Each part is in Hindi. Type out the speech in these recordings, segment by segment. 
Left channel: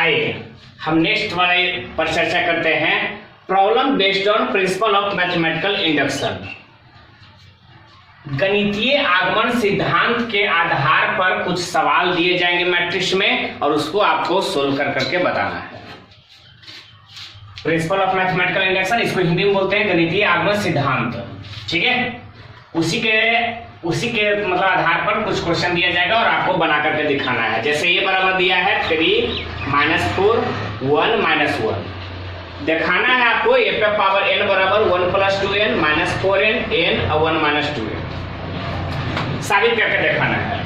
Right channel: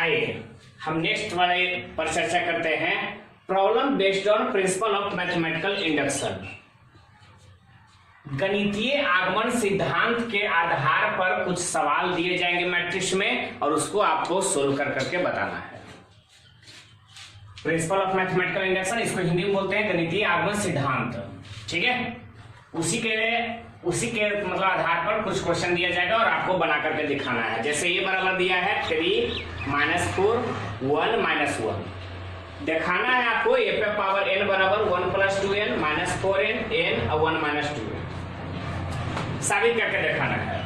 आइए हम नेक्स्ट वाले पर चर्चा करते हैं, problem based on principal of mathematical induction. गणितीय आगमन सिद्धांत के आधार पर कुछ सवाल दिए जाएंगे मैट्रिक्स में और उसको आपको सोल्व कर करके बताना है। प्रिंसिपल ऑफ मैथमेटिकल इंडक्शन, इसको हिंदी में बोलते हैं गणितीय आगमन सिद्धांत। ठीक है, उसी के मतलब आधार पर कुछ क्वेश्चन दिया जाएगा और आपको बना करके दिखाना है। जैसे ये बराबर दिया है 3 - 4 1 - 1, दिखाना है आपको ए पे पावर n बराबर 1 + 2n - 4n n और 1 - 2n साबित करके दिखाना है।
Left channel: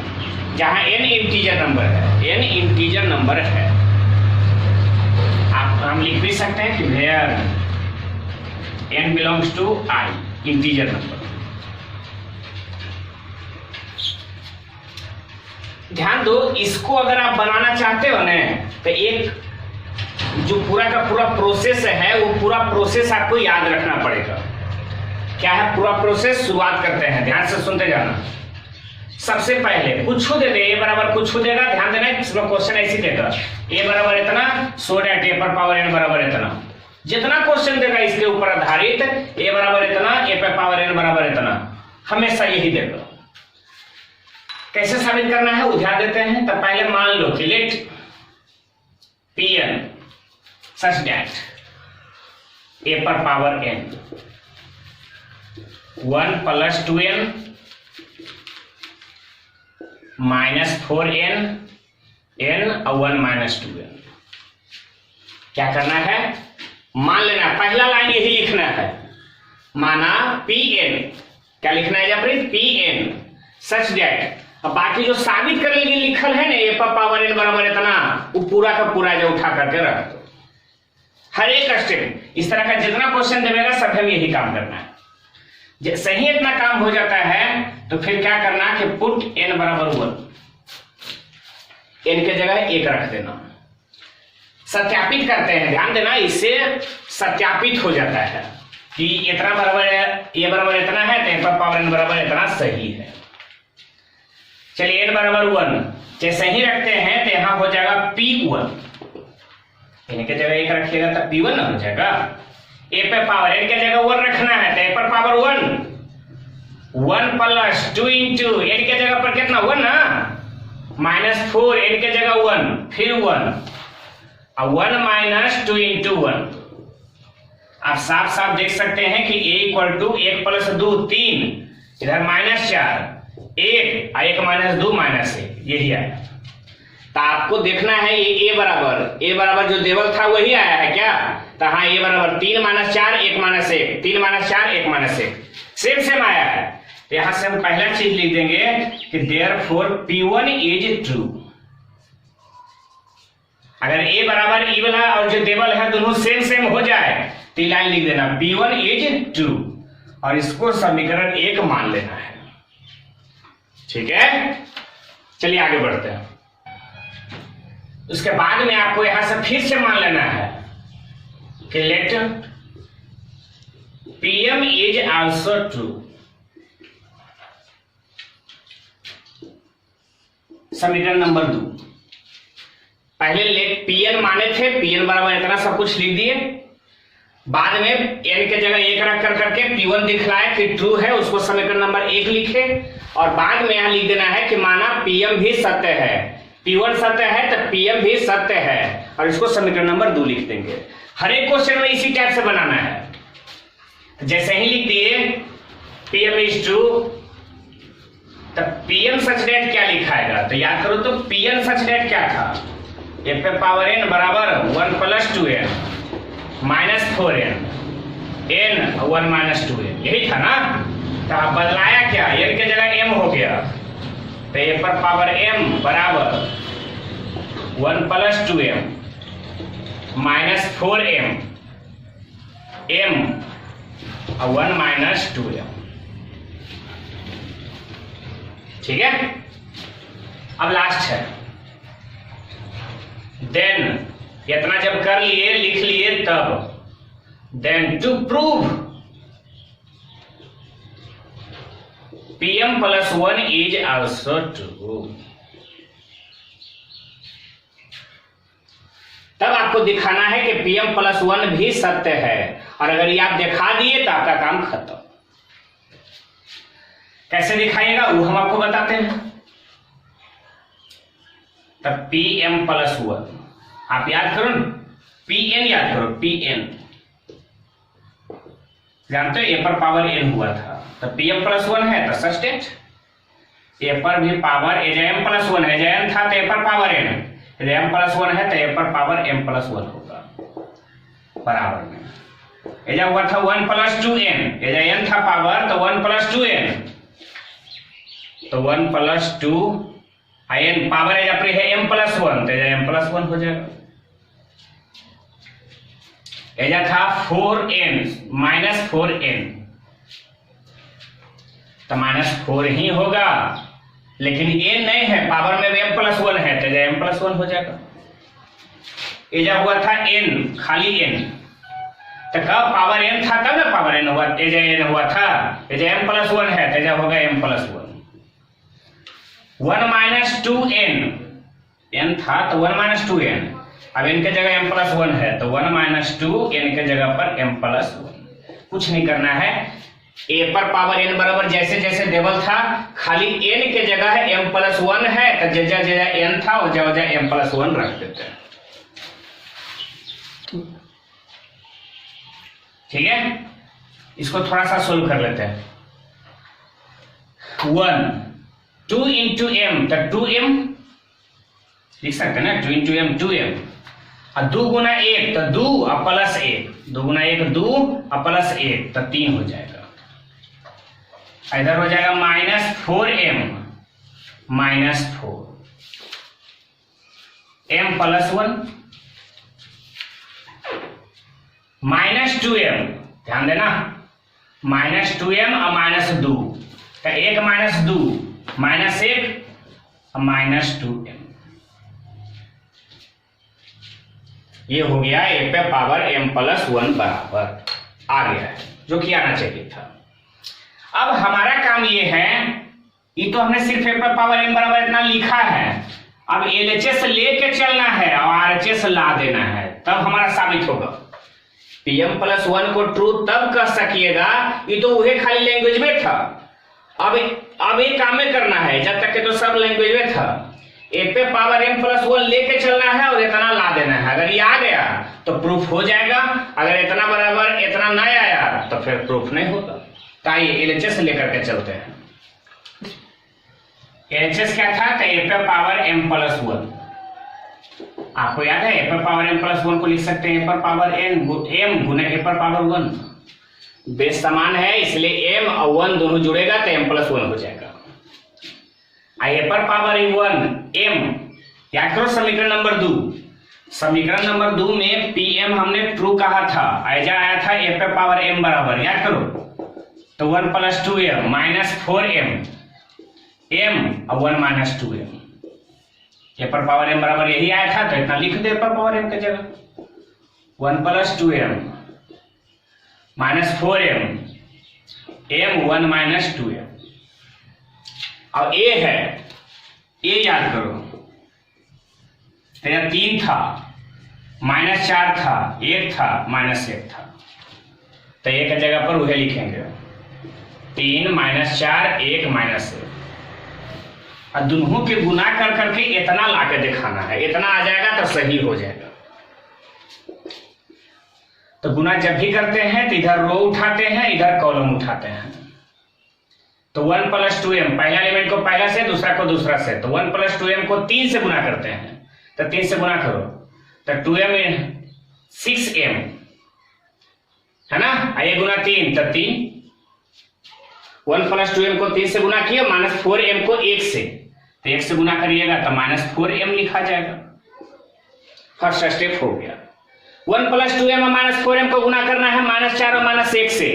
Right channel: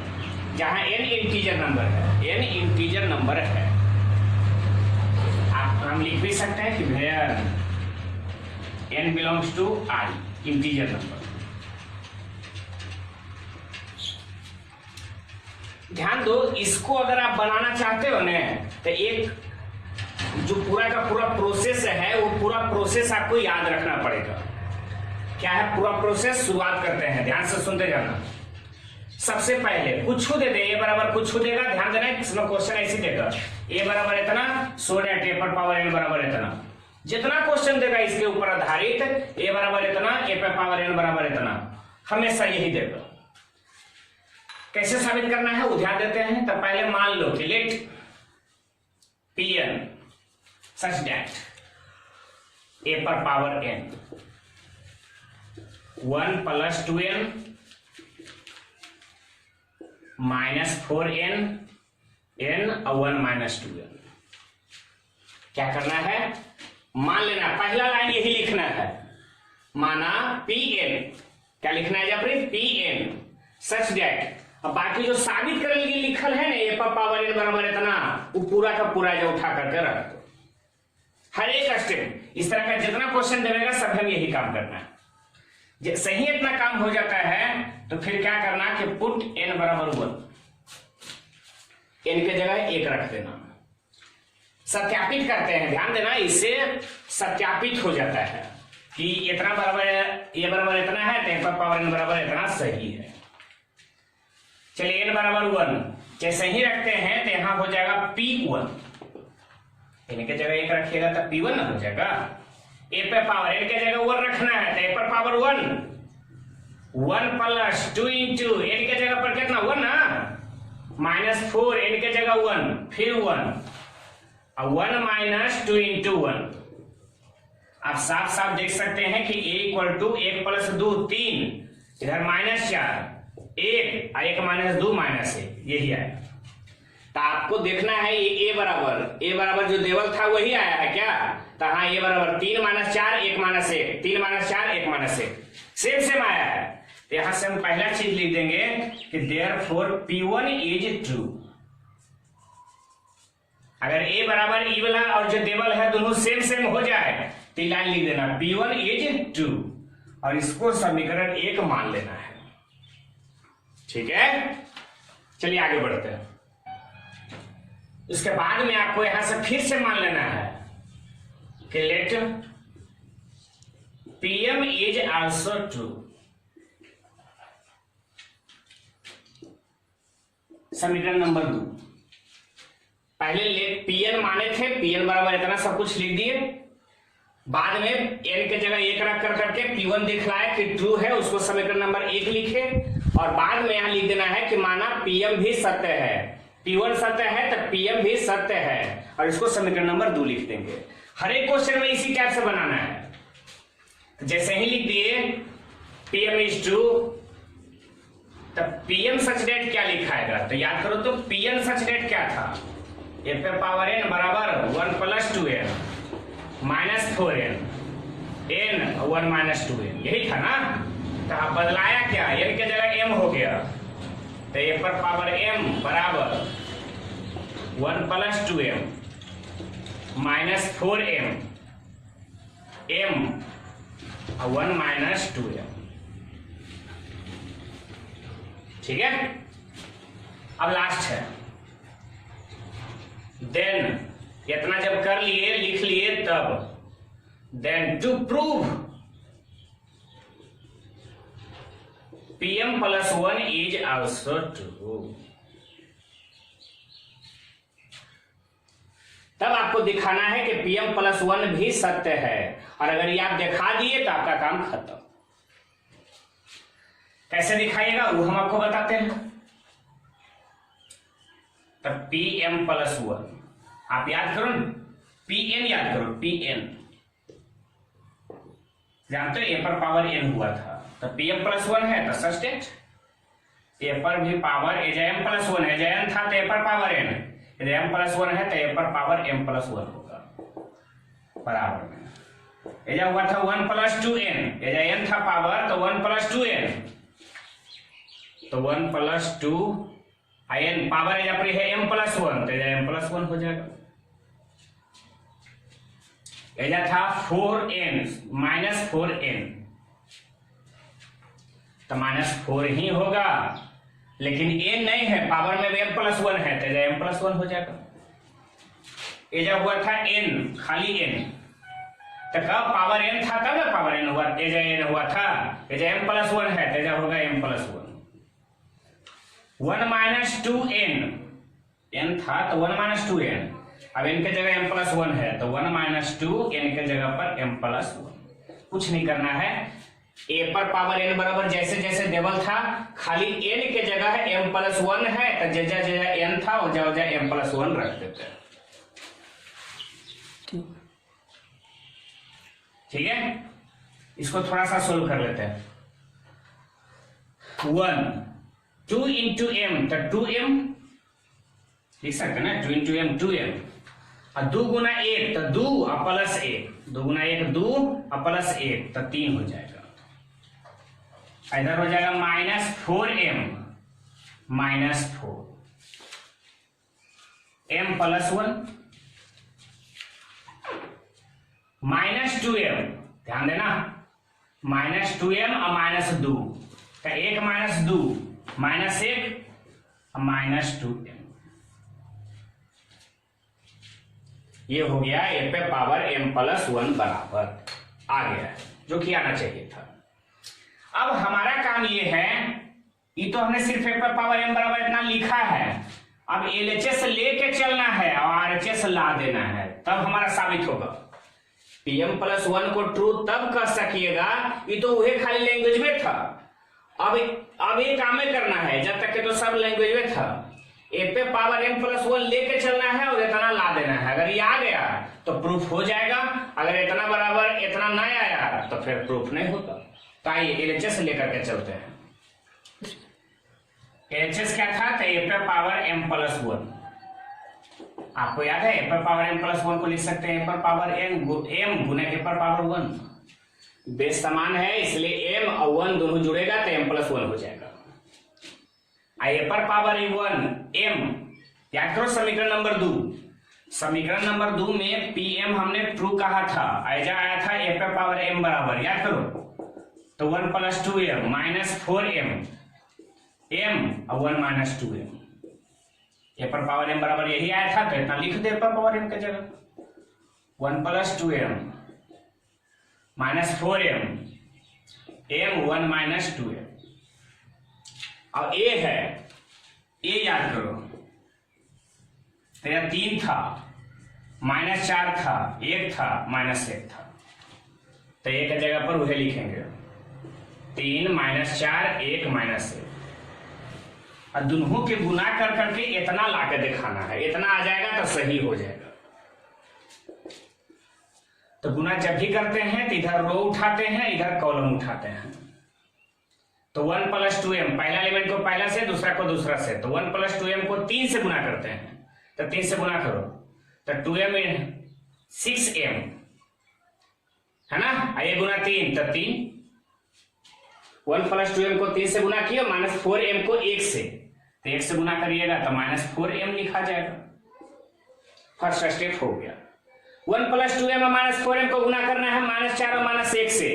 जहां n इंटीजर नंबर है, n इंटीजर नंबर है, हम लिख भी सकते हैं कि where n belongs to I, integer number. ध्यान दो, इसको अगर आप बनाना चाहते हो ना तो एक जो पूरा का पूरा प्रोसेस है वो पूरा प्रोसेस आपको याद रखना पड़ेगा। क्या है पूरा प्रोसेस? शुरुआत करते हैं, ध्यान से सुनते जाना। सबसे पहले कुछ दे दे, ए बराबर कुछ देगा, ध्यान देना इसमें क्वेश्चन ऐसे देगा ए बराबर इतना, सो डेट ए पर पावर n बराबर इतना। जितना क्वेश्चन देगा इसके ऊपर आधारित, ए बराबर इतना, ए पे पावर n बराबर इतना, हमेशा यही देगा। कैसे साबित करना है वो ध्यान देते हैं। तो पहले मान लो कि let Pn such that a पर power n 1 + 2n - 4n n और 1 - 2n। क्या करना है? मान लेना, पहला लाइन यही लिखना है, माना Pn, क्या लिखना है जबरीत? Pn such that. अब बाकी जो साबित करने के लिए लिखल है ना ए पर पावर n बराबर इतना, वो पूरा का पूरा जो उठा करके रख दो। हर एक स्टेप इस तरह का जितना क्वेश्चन देगा सब हम यही काम करना है। सही इतना काम हो जाता है तो फिर क्या करना कि पुट n बराबर 1, n के जगह 1 रख देना। सत्यापित करते हैं, ध्यान देना, इससे सत्यापित हो जाता है कि इतना बराबर ए बराबर इतना है तो n पर पावर n बराबर इतना सही है। चलिए n बराबर 1 जैसे ही रखते हैं तो यहां हो जाएगा P1, n के जगह 1 रखिएगा तो P1 ना हो जाएगा। ए पे पावर n के जगह 1 रखना है तो ए पर पावर 1 + 2 * n के जगह पर कितना 1 ना, -4 n के जगह 1 फिर 1 और 1 - 2 * 1। आप साफ साफ देख सकते हैं कि a = 1 + 2 3, इधर -4 1 और 1 - 2 -1, यही आया। तो आपको देखना है ये a बराबर जो देवल था वही आया है क्या? तो हाँ, a बराबर 3 - 4 1 - 1 3 - 4 1 - 1 सेम आया है। तो यहां से हम पहला चीज लिख देंगे कि देयरफॉर P1 इज ट्रू। अगर a बराबर ई वाला और जो देवल है दोनों सेम हो जाए तो लाइन लिख देना P1 इज ट्रू और इसको समीकरण 1 मान लेना है। ठीक है, चलिए आगे बढ़ते हैं। उसके बाद में आपको यहां से फिर से मान लेना है कि let Pm is also true. समीकरण नंबर 2, पहले लेट Pn माने थे, Pn बराबर इतना सब कुछ लिख दिए, बाद में n के जगह 1 रख करके P1 दिखलाए कि ट्रू है, उसको समीकरण नंबर 1 लिखे और बाद में यहां लिख देना है कि माना Pm भी सत्य है, P1 सत्य है तो Pm भी सत्य है और इसको समीकरण नंबर 2 लिख देंगे। हर एक क्वेश्चन में इसी टाइप से बनाना है। तो जैसे ही लिख दिए Pm इज ट्रू, तो Pn सच डेट क्या लिखाएगा? तो याद करो तो Pn सच डेट क्या था? ए पे पावर n बराबर 1 + 2n -4n n 1 - 2n, यही था ना। तो आप बदलाया क्या? n के जगह m हो गया तो ए पर पावर m बराबर 1 + 2m -4m m और 1 - 2m। ठीक है, अब लास्ट है देन। इतना जब कर लिए लिख लिए तब then to prove Pm + 1 is also true. तब आपको दिखाना है कि Pm+1 भी सत्य है, और अगर ये आप दिखा दिए तो आपका काम खत्म। कैसे दिखाइएगा वो हम आपको बताते हैं। तब Pm+1 आप याद करो, Pn याद करो, Pn जानते हो a पर पावर n हुआ था, तो Pm+1 है तो सस्टेंट, a पर भी पावर m+1 है, n था तो a पर पावर n, m+1 है तो a पर पावर m+1 होगा बराबर में। एजा हुआ था 1+2n, एजा n था पावर तो 1+2n, तो 1+2 n पावर एजा पर है m+1 तो एजा m+1 हो जाएगा। एजा था 4n -4n तो -4 ही होगा, लेकिन n नहीं है, पावर में m+1 है तो एजा m+1 हो जाएगा। एजा हुआ था n, खाली n, तो कब पावर n था तब ना पावर n हुआ, एजा n हुआ था, एजा m+1 है तो एजा होगा m+1। 1 - 2n, n था तो 1 - 2n, अब n के जगह m+1 है तो 1 - 2 n के जगह पर m+1। कुछ नहीं करना है, a पर पावर n बराबर जैसे जैसे देवल था, खाली n के जगह m+1 है तो जगह जगह n था वो जगह m+1 रख देते हैं। ठीक है, इसको थोड़ा सा सोल्व कर लेते हैं। 2 × m तो 2m लिख सकते हैं ना, 2 × m 2m, और 2 × 1 तो 2 और +1, 2 × 1 2 और +1 तो 3 हो जाएगा। इधर हो जाएगा -4m -4 m+1 -2m, ध्यान देना, -2m और -2 तो 1 - 2 -1 और -2m, ये हो गया a पे पावर m+1 बराबर आ गया है, जो कि आना चाहिए था। अब हमारा काम ये है, ये तो हमने सिर्फ a पे पावर m बराबर इतना लिखा है, अब LHS लेके चलना है और RHS ला देना है, तब हमारा साबित होगा। Pm+1 को ट्रू तब कह सकिएगा, ये तो वही खाली लैंग्वेज में था, अब ये काम में करना है, जब तक के तो सब लैंग्वेज में था। a पे पावर m+1 लेके चलना है और इतना ला देना है, अगर ये आ गया तो प्रूफ हो जाएगा, अगर इतना बराबर इतना ना आया तो फिर प्रूफ नहीं होगा। तो आइए LHS लेकर के चलते हैं। LHS क्या था, तो a पे पावर m+1, आपको याद है a पर पावर m+1 को लिख सकते हैं a पर पावर m गुने a पर पावर 1, बेस समान है इसलिए m और 1 दोनों जुड़ेगा तो m+1 हो जाएगा। a पर पावर 1 m, याद करो समीकरण नंबर 2, समीकरण नंबर 2 में Pm हमने ट्रू कहा था, ऐजा आया था a पे पावर m बराबर, याद करो, तो 1 + 2m -4m m और 1 - 2m, a पर पावर m बराबर यही आया था तो इतना लिख दे a पर पावर m की जगह, 1 + 2m -4m m 1 - 2m। अब a है, a याद करो, तो यह 3 था, -4 था, 1 था, -1 था, तो a की जगह पर वही लिखेंगे, 3 -4 1 -1, और दोनों के गुना कर करके इतना लाके दिखाना है, इतना आ जाएगा तो सही हो जाएगा। तो गुना जब भी करते हैं तो इधर रो उठाते हैं, इधर कॉलम उठाते हैं, तो 1 + 2m, पहला एलिमेंट को पहला से, दूसरा को दूसरा से, तो 1 + 2m को 3 से गुना करते हैं, तो 3 से गुना करो तो 2m 6m है ना, आइए गुना 3 तो 3, 1 + 2m को 3 से गुना किया, -4m को 1 से, तो 1 से गुना करिएगा तो -4m लिखा जाएगा। फर्स्ट स्टेप हो गया। 1 + 2m और -4m को गुना करना है -4 और -1 से,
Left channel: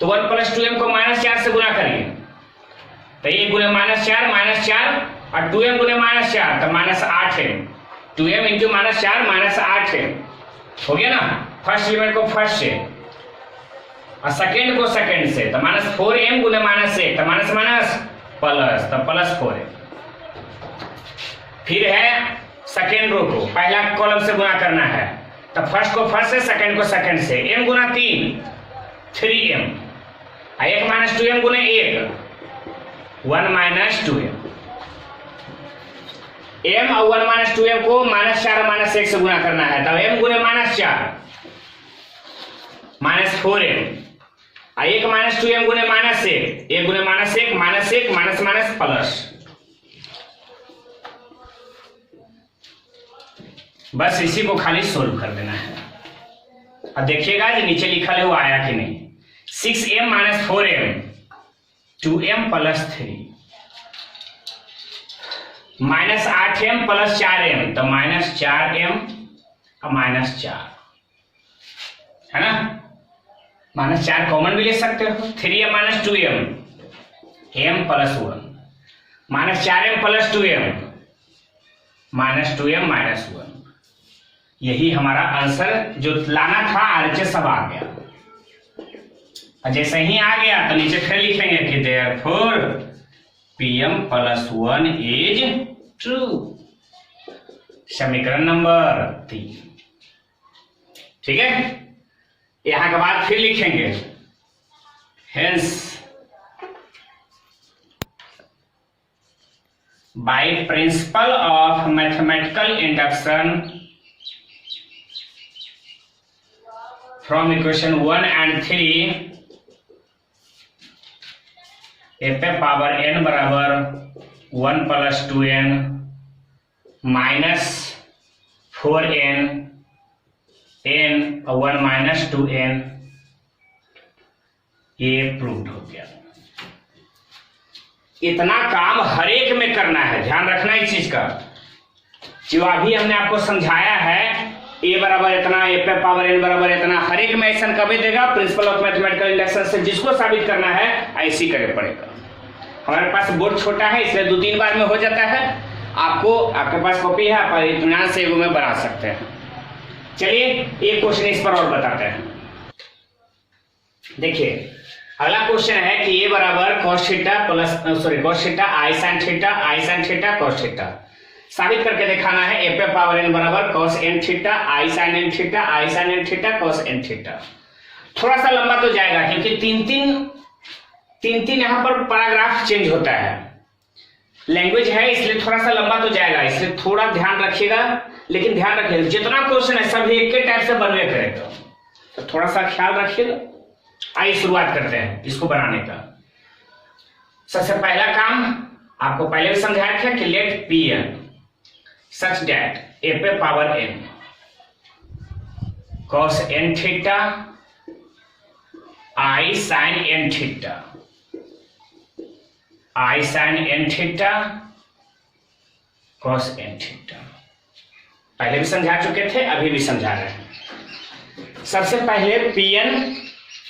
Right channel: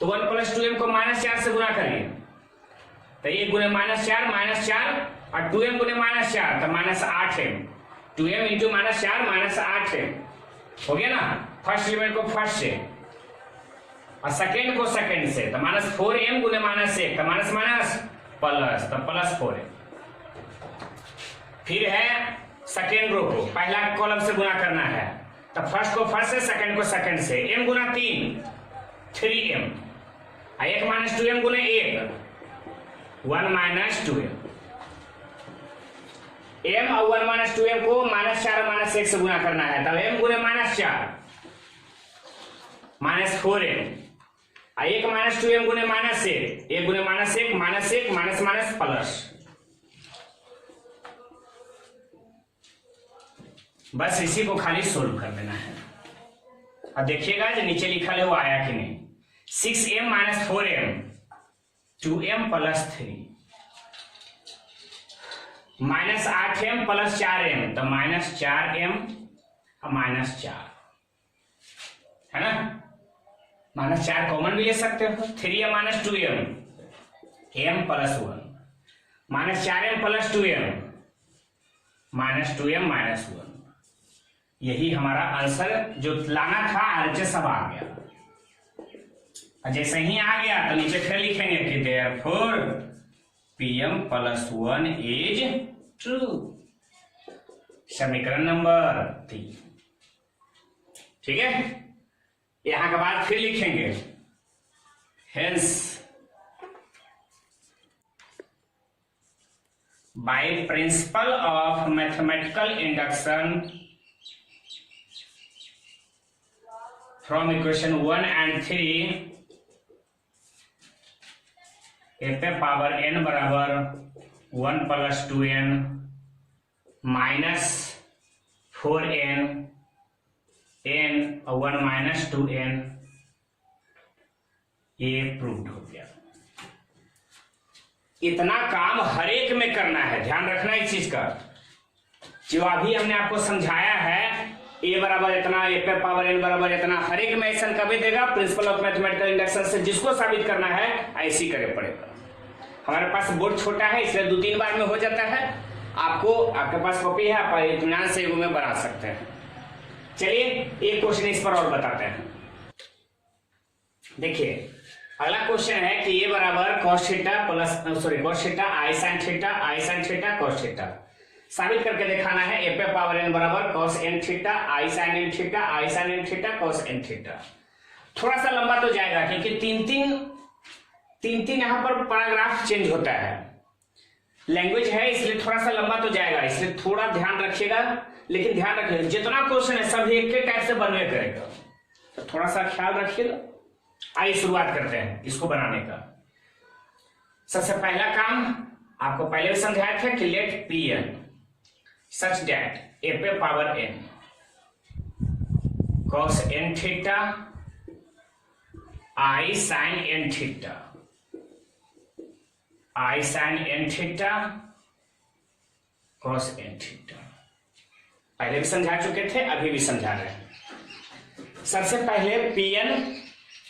तो 1 + 2m को -4 से गुना करिए, तो ये गुने -4 और 2m गुने -4 तो -8m, 2m × -4 -8m हो गया ना। फर्स्ट एलिमेंट को फर्स्ट से और सेकेंड को सेकेंड से, तो -4m गुने -1 तो माइनस माइनस प्लस, तो +4m। फिर है सेकेंड रो को पहला कॉलम से गुना करना है, तो फर्स्ट को फर्स्ट से, सेकंड को सेकंड से, m गुना 3 3m, 1 माइनस 2m गुना 1 1 माइनस 2m, m और 1 माइनस 2m को -4 -1 से गुना करना है, तब m गुने -4 -4m, 1 माइनस 2m गुने -1 1 गुने -1 -1 माइनस माइनस प्लस, बस इसी को खाली सोल्व कर देना है। अब देखिएगा जो नीचे लिखा है वो आया कि नहीं। 6m - 4m 2m + 3 -8m + 4m, तो -4m और -4 है ना, -4 कॉमन भी ले सकते हो। 3m - 2m m + 1 -4m + 2m -2m -1, यही हमारा आंसर जो लाना था RHS सब आ गया। और जैसे ही आ गया तो नीचे फिर लिखेंगे कि देयरफॉर Pm + 1 इज ट्रू, समीकरण नंबर 3। ठीक है, यहां के बाद फिर लिखेंगे hence by principle of mathematical induction from equation 1 and 3 f power n बराबर 1 + 2n -4n n और 1 - 2n, ये प्रूव्ड हो गया। इतना काम हर एक में करना है, ध्यान रखना इस चीज का। जो अभी हमने आपको समझाया है a बराबर इतना, f पावर n बराबर इतना, हर एक में ऐसा कभी देगा प्रिंसिपल ऑफ मैथमेटिकल इंडक्शन से जिसको साबित करना है ऐसे ही करे पड़ेगा। हमारे पास बोर्ड छोटा है इसलिए 2-3 बार में हो जाता है। आपको आपके पास कॉपी है, आप इत्मीनान से एगो में बना सकते हैं। चलिए एक क्वेश्चन इस पर और बताते हैं। देखिए अगला क्वेश्चन है कि a बराबर cos theta cos theta i sin theta cos theta साबित करके दिखाना है। f पावर n बराबर cos n theta i sin n theta cos n theta. थोड़ा सा लंबा तो जाएगा क्योंकि तीन यहाँ पर पैराग्राफ चेंज होता है, लैंग्वेज है इसलिए थोड़ा सा लंबा तो जाएगा, इसलिए थोड़ा ध्यान रखिएगा। लेकिन ध्यान रखिएगा जितना क्वेश्चन है सब एक के टाइप से बनवे करेगा, तो थोड़ा सा ख्याल रखिएगा। आइए शुरुआत करते हैं इसको बनाने का। सबसे पहला काम आपको पहले भी समझाया था कि let Pn such that f power n cos n theta i sin n theta cos n theta, पहले भी समझा चुके थे, अभी भी समझा रहे हैं। सबसे पहले Pn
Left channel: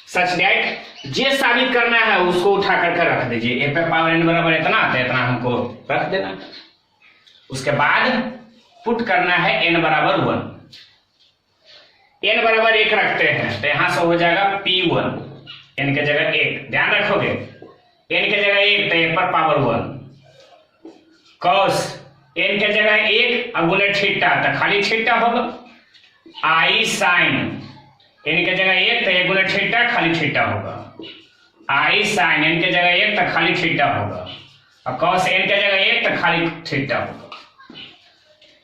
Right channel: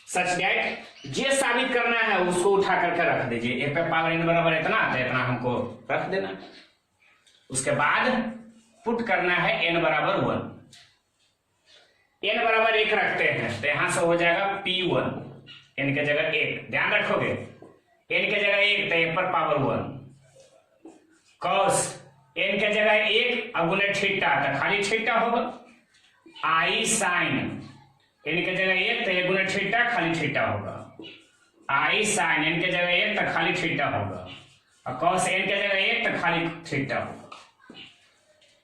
सच दैट जे साबित करना है उसको उठा करके रख दीजिए। f पावर n बराबर इतना, तो इतना हमको रख देना। उसके बाद पुट करना है n बराबर 1, n बराबर 1 रखते हैं तो यहां से हो जाएगा P1, n के जगह 1, ध्यान रखोगे n के जगह 1 तो f पर पावर 1, cos n के जगह 1 अब गुने थीटा तो खाली थीटा होगा, i sin n के जगह 1 तो 1 गुने थीटा खाली थीटा होगा, i sin n के जगह 1 तो खाली थीटा होगा, और cos n के जगह 1 तो खाली थीटा होगा।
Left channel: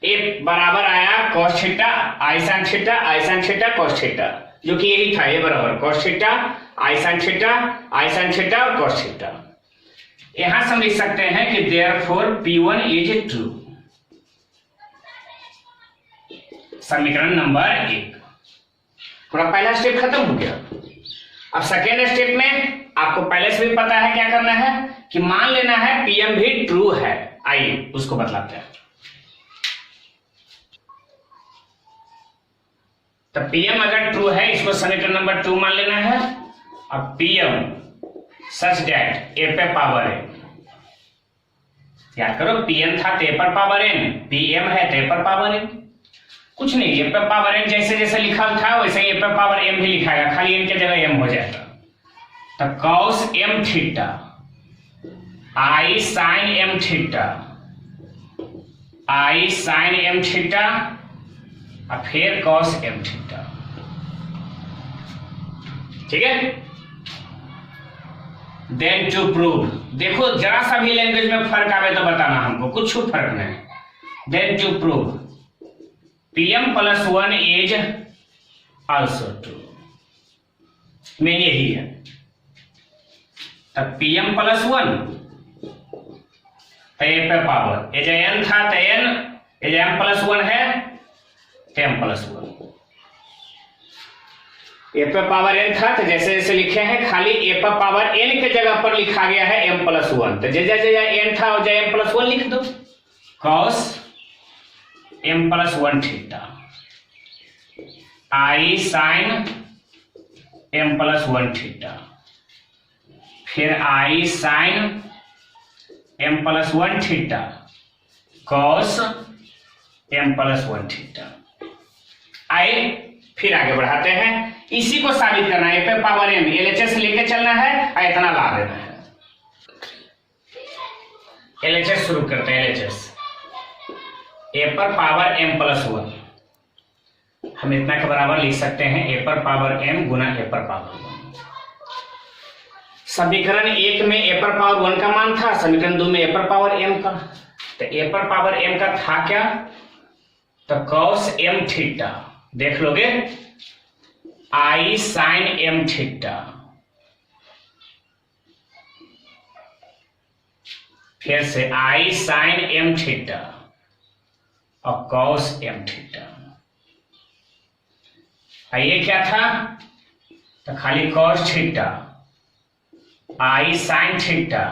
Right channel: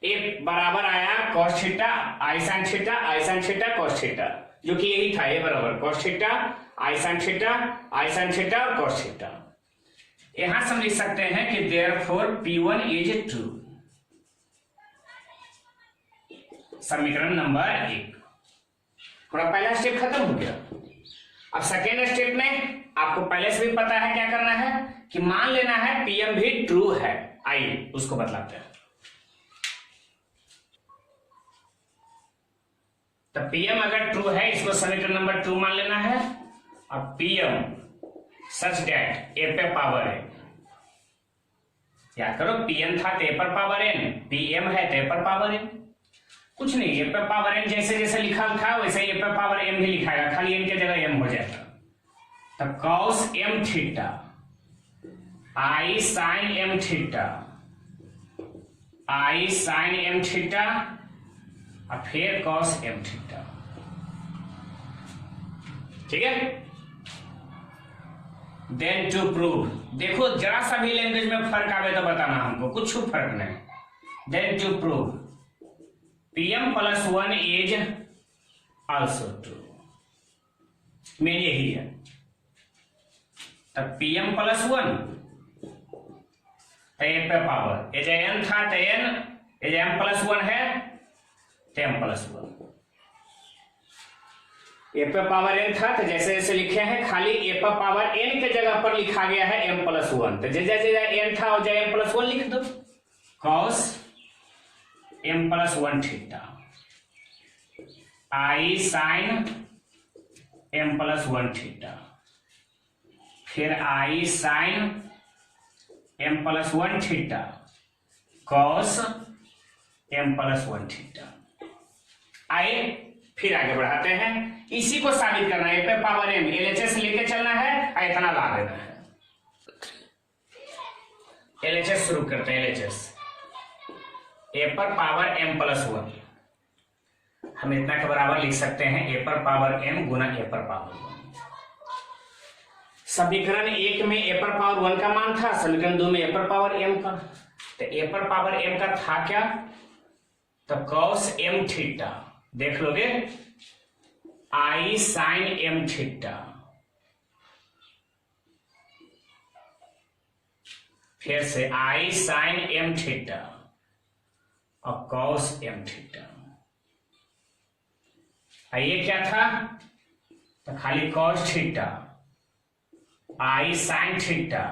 एक बराबर आया cos theta i sin theta cos theta, जो कि यही था ये बराबर cos theta i sin theta और cos थीटा। यहां से हम लिख सकते हैं कि देयरफॉर P1 इज ट्रू, समीकरण नंबर 1। पूरा पहला स्टेप खत्म हो गया। अब सेकेंड स्टेप में आपको पहले से भी पता है क्या करना है कि मान लेना है Pm भी ट्रू है। आइए उसको बतलाते हैं। तो Pm अगर ट्रू है इसको समीकरण नंबर 2 मान लेना है। अब Pm such that f power n, याद करो Pn था तो पर पावर n, Pm है तो पर पावर n, कुछ नहीं f पावर n जैसे जैसे लिखा था वैसे ही f पावर m भी लिखाएगा, खाली n के जगह m हो जाएगा। तो cos m theta i sin m theta और फिर cos m थीटा। ठीक है, देन टू प्रूव, देखो जरा सा भी लैंग्वेज में फर्क आवे तो बताना हमको, कुछ फर्क नहीं। Then to prove pm + 1 is also true, main यही है। तब pm + 1 तो ए पे पावर, ये जो n था तो n, ये जो m + 1 है तो m + 1, ए पे पावर n था तो जैसे जैसे लिखे हैं खाली ए पे पावर n के जगह पर लिखा गया है m + 1, तो जैसे जैसे n था और जैसे m + 1 लिख दो, cos m + 1 theta i sin m + 1 theta, फिर i sin m + 1 theta cos m + 1 theta. आए फिर आगे बढ़ाते हैं, इसी को साबित करना है। ए पे पावर m LHS लेके चलना है और इतना ला देना है। LHS शुरू करते हैं। LHS ए पर पावर m + 1, हम इतना के बराबर लिख सकते हैं ए पर पावर m गुना ए पर पावर 1। समीकरण 1 में ए पर पावर 1 का मान था, समीकरण 2 में ए पर पावर m का, तो ए पर पावर m का था क्या, तो cos m थीटा, देख लोगे i sin m थीटा, फिर से i sin m थीटा और cos m थीटा। ये क्या था, तो खाली cos theta, i sin theta,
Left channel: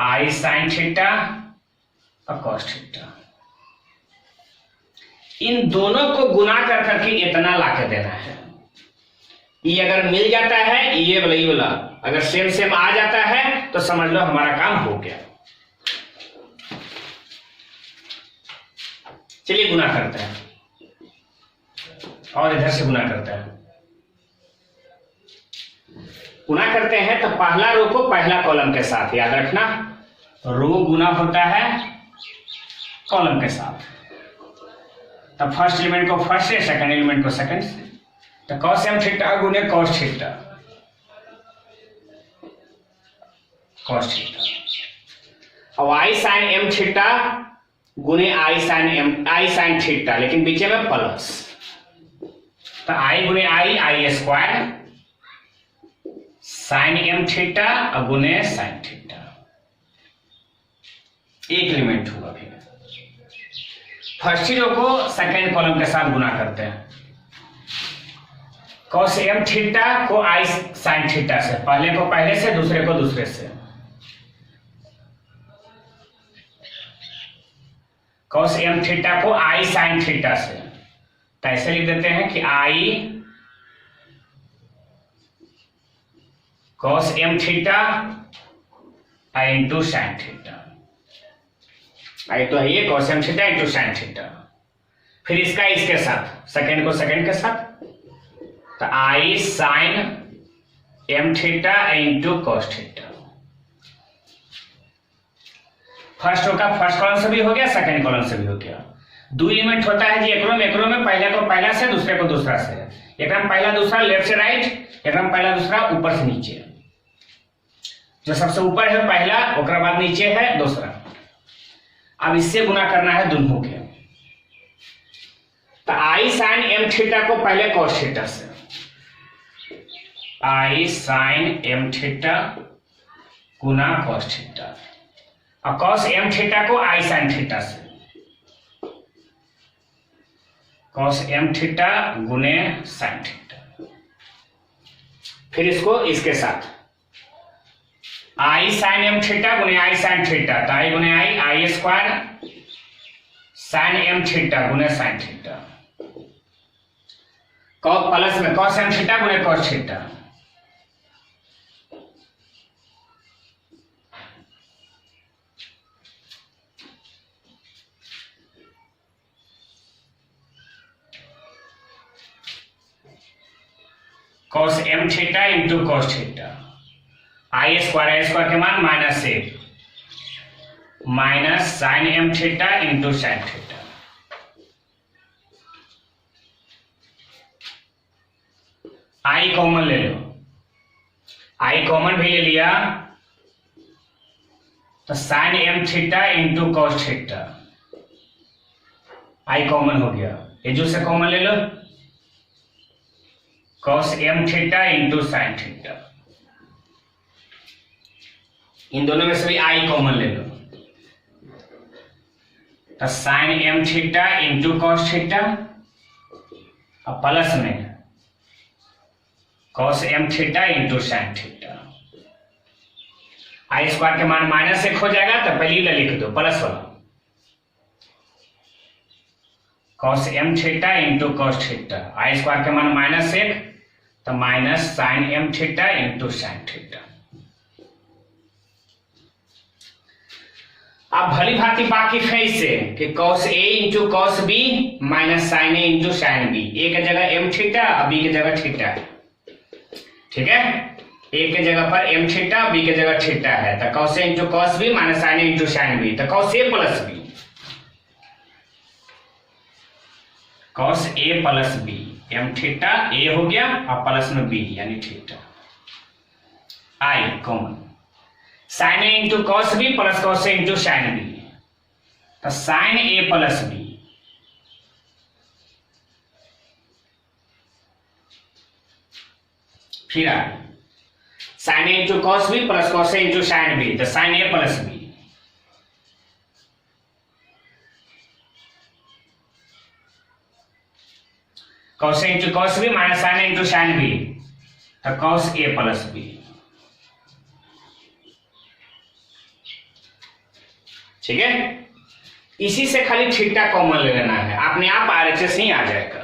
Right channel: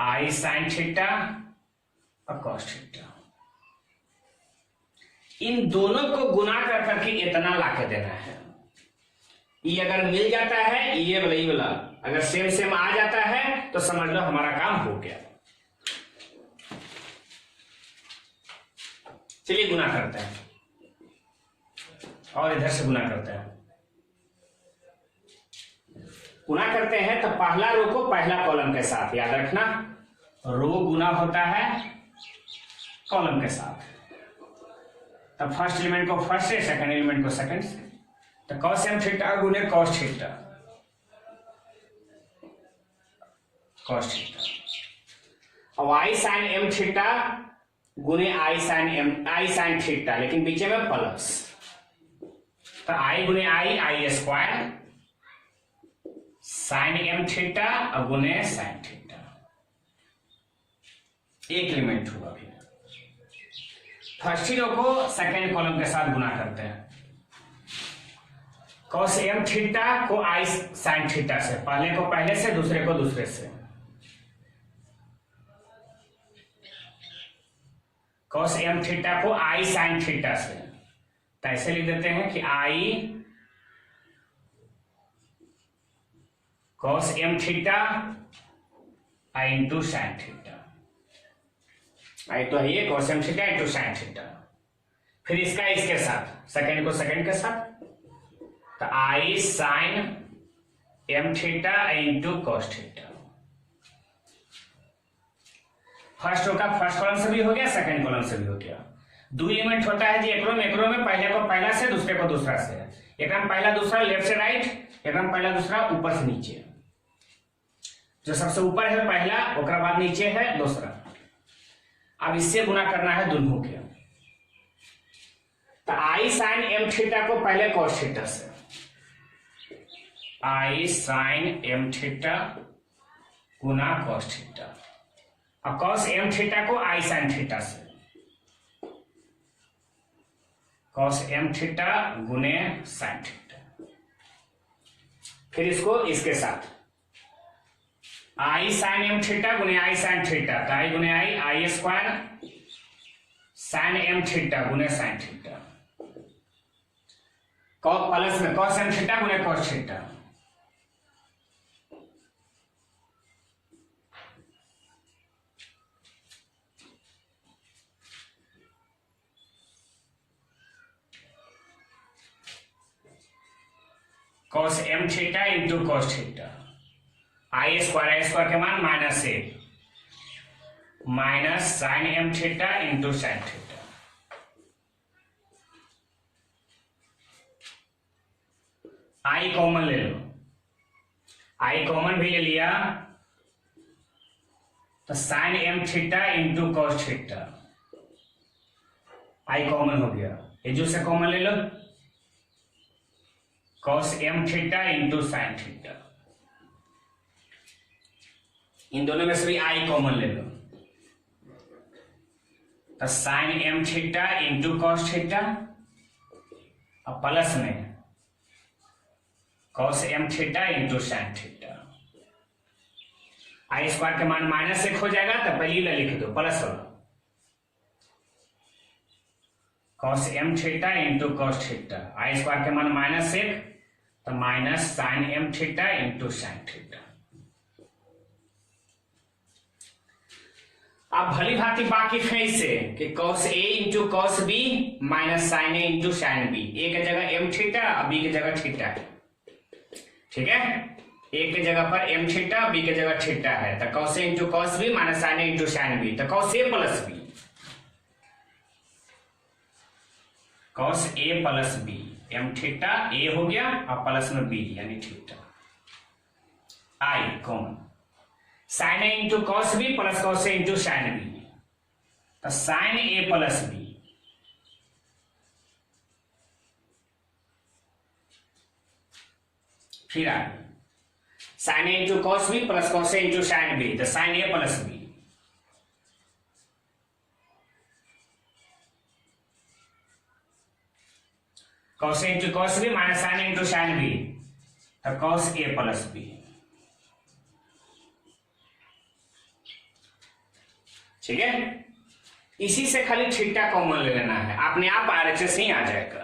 i sin theta और cos थीटा, इन दोनों को गुना कर करके इतना लाके देना है। ये अगर मिल जाता है, ये वाला अगर सेम सेम आ जाता है तो समझ लो हमारा काम हो गया। चलिए गुना करते हैं, और इधर से गुना करते हैं। गुना करते हैं तो पहला रो को पहला कॉलम के साथ, याद रखना रो गुना होता है कॉलम के साथ। तो फर्स्ट एलिमेंट को फर्स्ट से, सेकंड एलिमेंट को सेकंड से, तो cos m थीटा गुने cos थीटा, cos थीटा, और i sin m थीटा गुने i sin थीटा, लेकिन बीच में प्लस, तो i गुने i square sin m theta और गुने sin थीटा, एक एलिमेंट होगा। फिर फर्स्ट रो को सेकंड कॉलम के साथ गुना करते हैं। cos m थीटा को i sin थीटा से, पहले को पहले से, दूसरे को दूसरे से, cos m थीटा को i sin थीटा से, तो ऐसे लिख देते हैं कि i cos m theta into sin theta, i तो है ये cos m theta into sin theta. फिर इसका इसके साथ, सेकंड को सेकंड के साथ, तो i sin m theta into cos theta. First row का फर्स्ट कॉलम से भी हो गया, सेकंड कॉलम से भी हो गया। दो एलिमेंट होता है जी एकरो में पहले को पहला से, दूसरे को दूसरा से, एक में पहला दूसरा लेफ्ट से राइट, एक में पहला दूसरा ऊपर से नीचे, जो सबसे ऊपर है पहला, ओकरा बाद नीचे है दूसरा। अब इससे गुना करना है दोनों के, तो i sin m थीटा को पहले cos थीटा से, i sin m थीटा गुना cos थीटा, और cos m थीटा को i sin थीटा से, cos m थीटा गुने sin थीटा। फिर इसको इसके साथ i sin m थीटा गुने i sin थीटा, तो i गुने i square sin m theta गुने sin थीटा, प्लस में cos m थीटा गुने cos theta, cos m theta into cos theta, i square के मान माइनस एक, minus sine m theta into sine theta. I common ले लो, आई कॉमन भी ले लिया तो sine m theta into cos theta, i common हो गया। ये जो से कॉमन ले लो, cos m theta into sine theta, इन दोनों में से भी आई कॉमन ले लो तो sine m theta into cos theta और प्लस में cos m theta into sine theta. I square के मान -1 हो जाएगा तो पहले ही लिख दो प्लस वाला, cos m theta into cos theta, i square के मान -1 तो minus sine m theta into sine theta. अब भली भांति बाकी फेस से कि cos a into cos b minus sine a into sine b, a की जगह एम थीटा और बी की जगह थीटा है, ठीक है। ए की जगह पर एम थीटा, बी की जगह थीटा है तो cos a into cos b minus sine a into sine b, तो cos a plus b, cos a plus b, m theta a हो गया और प्लस में बी यानी theta, i common, sine a into cos b plus cos a into sine b, तो साइन ए प्लस बी, फिर आगे sine a into cos b plus cos a into sine b, तो sine a plus b, cos a into cos b minus sine a into sine b, तो कॉस ए प्लस बी, ठीक है। इसी से खाली थीटा कॉमन ले लेना है, अपने आप आरएचएस ही आ जाएगा।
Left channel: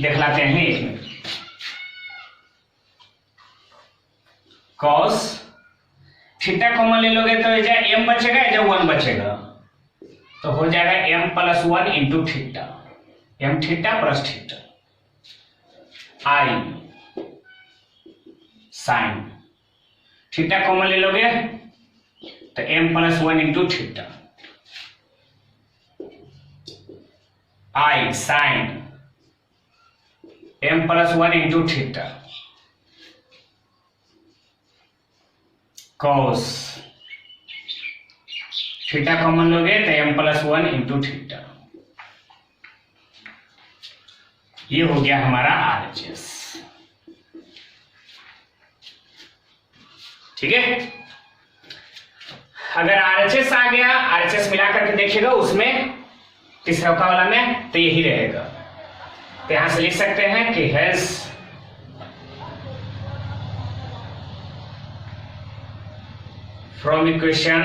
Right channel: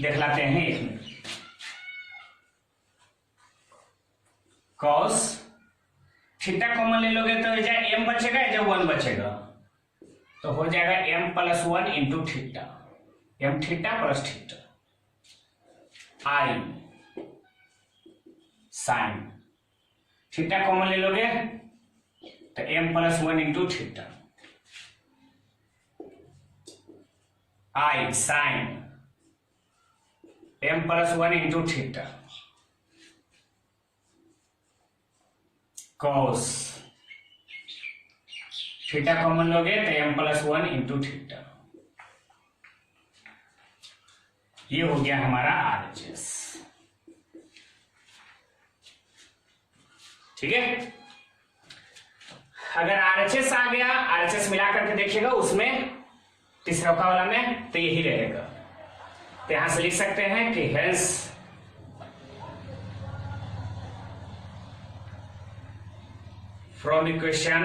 देख लाते हैं इसमें, कॉस थीटा कॉमन ले लोगे तो एम बचेगा या 1 बचेगा, तो हो जाएगा m plus 1 into theta, m theta plus theta, i sine theta common ले लोगे तो m plus 1 into theta, i sine m plus 1 into theta, cos theta common लोगे तो एम प्लस 1 इंटू थीटा, ये हो गया हमारा आरएचएस, ठीक है। अगर आरएचएस आ गया, आरएचएस मिला करके देखिएगा उसमें तीसरा वाला में तो यही रहेगा, तो यहां से लिख सकते हैं कि hence from equation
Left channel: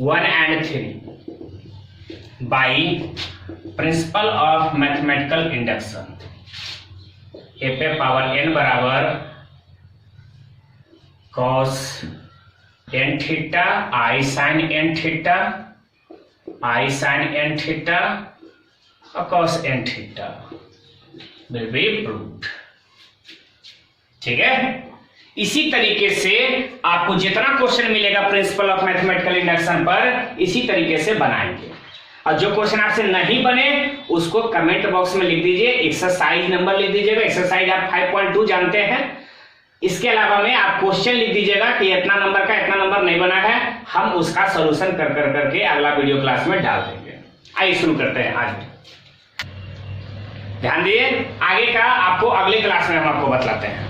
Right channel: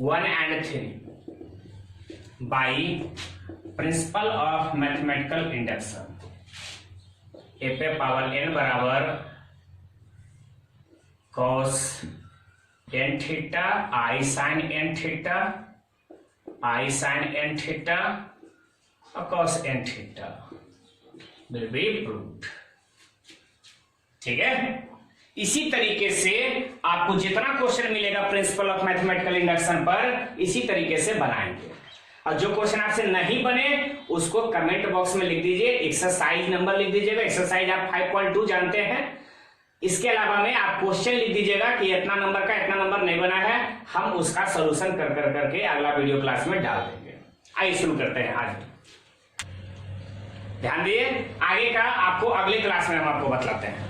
1 and 3 by principle of mathematical induction, a पे पावर n बराबर cos n theta i sine n theta, i sine n theta और cos n theta will be proved, ठीक है। इसी तरीके से आपको जितना क्वेश्चन मिलेगा प्रिंसिपल ऑफ मैथमेटिकल इंडक्शन पर इसी तरीके से बनाएंगे, और जो क्वेश्चन आपसे नहीं बने उसको कमेंट बॉक्स में लिख दीजिए, एक्सरसाइज नंबर लिख दीजिएगा, एक्सरसाइज आप 5.2 जानते हैं। इसके अलावा में आप क्वेश्चन लिख दीजिएगा कि इतना नंबर का इतना नंबर नहीं बना है, हम उसका सोल्यूशन कर करके अगला वीडियो क्लास में डाल देंगे। आइए शुरू करते हैं। आज ध्यान दिए, आगे का आपको अगली क्लास में हम आपको बतलाते हैं।